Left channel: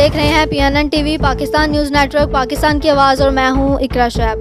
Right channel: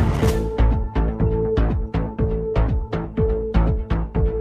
دیکھ رہے ہیں PNN TV Pakistan news network Pakistan کی آواز اور میں ہوں اقرا شعیب۔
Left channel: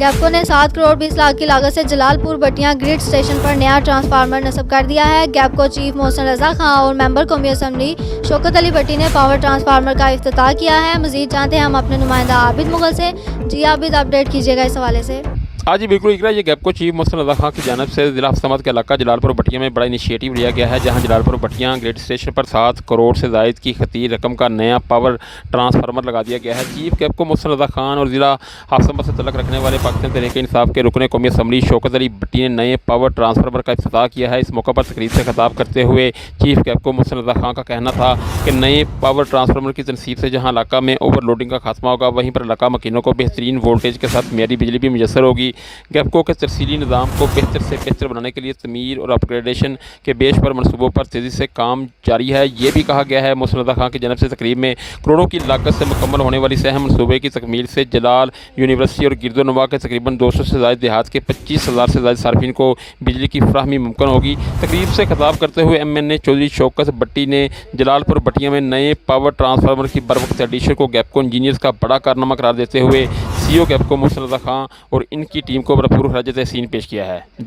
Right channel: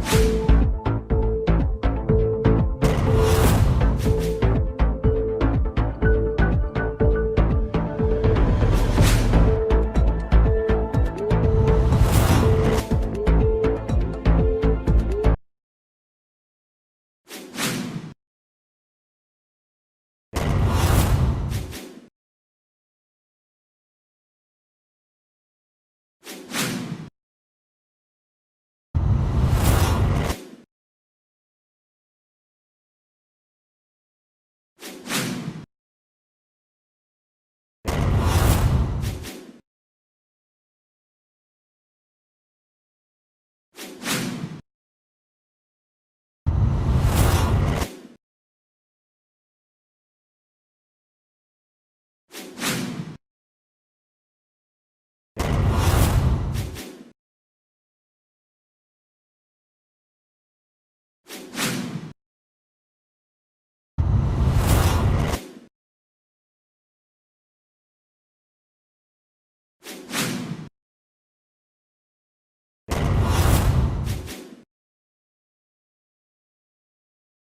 گیپکو نے 7 کروڑ 20 لاکھ کی لاگت سے جلال پور بٹیاں گریڈ اسٹیشن پر نیا ٹرانسفارمر نصب کر دیا ہے۔ گیپکو چیف محسن رضا خان اور ممبر قومی اسمبلی شوکت علی بھٹی نے پاور ٹرانسفارمر کا افتتاح کیا ہے۔ مزید جانتے ہیں ہم اپنے نمائندہ عابد مغل سے۔ جی عابد، اپڈیٹ کیجیے گا اس حوالے سے۔ ہاں جی بالکل اقرا، یہ گیپکو چیف محسن رضا خان کی جانب سے ضلع حفظ کے علاقہ جلال پور بٹیاں میں بڑا انیشیٹو لیا گیا ہے، جہاں جلال پور بٹیاں گریڈ اسٹیشن پر 7 کروڑ سے زائد کی خطیر رقم کا نیا پاور ٹرانسفارمر لگا دیا گیا ہے۔ چیف گیپکو محسن رضا خان اور ضلع حفظ سے تعلق رکھنے والے پاکستان تحریک انصاف کے رکن قومی اسمبلی شوکت علی بھٹی نے نئے پاور ٹرانسفارمر کا افتتاح کیا ہے۔ اس موقع پر تقریب سے خطاب کرتے ہوئے چیف گیپکو محسن رضا خان کا کہنا تھا کہ نئے پاور ٹرانسفارمر کی تنصیب سے جہاں علاقہ میں اوور لوڈنگ کا خاتمہ ہوگا، وہیں پر علاقہ مکینوں کو بہترین وولٹیج کے ساتھ معیاری بجلی بھی میسر ہوگی۔ گیپکو کے ترسیلی نظام کو بہتر سے بہتر بنانے کے لیے تعمیر اور اپ گریڈیشن کے بیش پر منصوبوں پر تیزی سے کام جاری ہے۔ یہ بھی کہا گیا ہے محسن رضا خان کی جانب سے تقریب میں کروڑوں کی لاگت سے مکمل ہونے والی سہم منصوبے کی تکمیل سے جلال یونیورسٹی اور گرد و نواح کے تقریباً 200 سے زائد دیہات کے 25,000 سے زائد صارفین کو بجلی کی فراہمی ممکن ہوگی۔ تقریب سے خطاب کرتے ہوئے MNA چودھری شوکت بھٹی نے جلال پور بٹیاں میں نئے پاور ٹرانسفارمر کی بروقت ایڈیشن کو گیپکو انجینئرز کا بڑا کارنامہ قرار دیتے ہوئے CEO گیپکو محسن رضا خان اور ان کی ٹیم کو بھرپور خراج تحسین پیش کیا ہے۔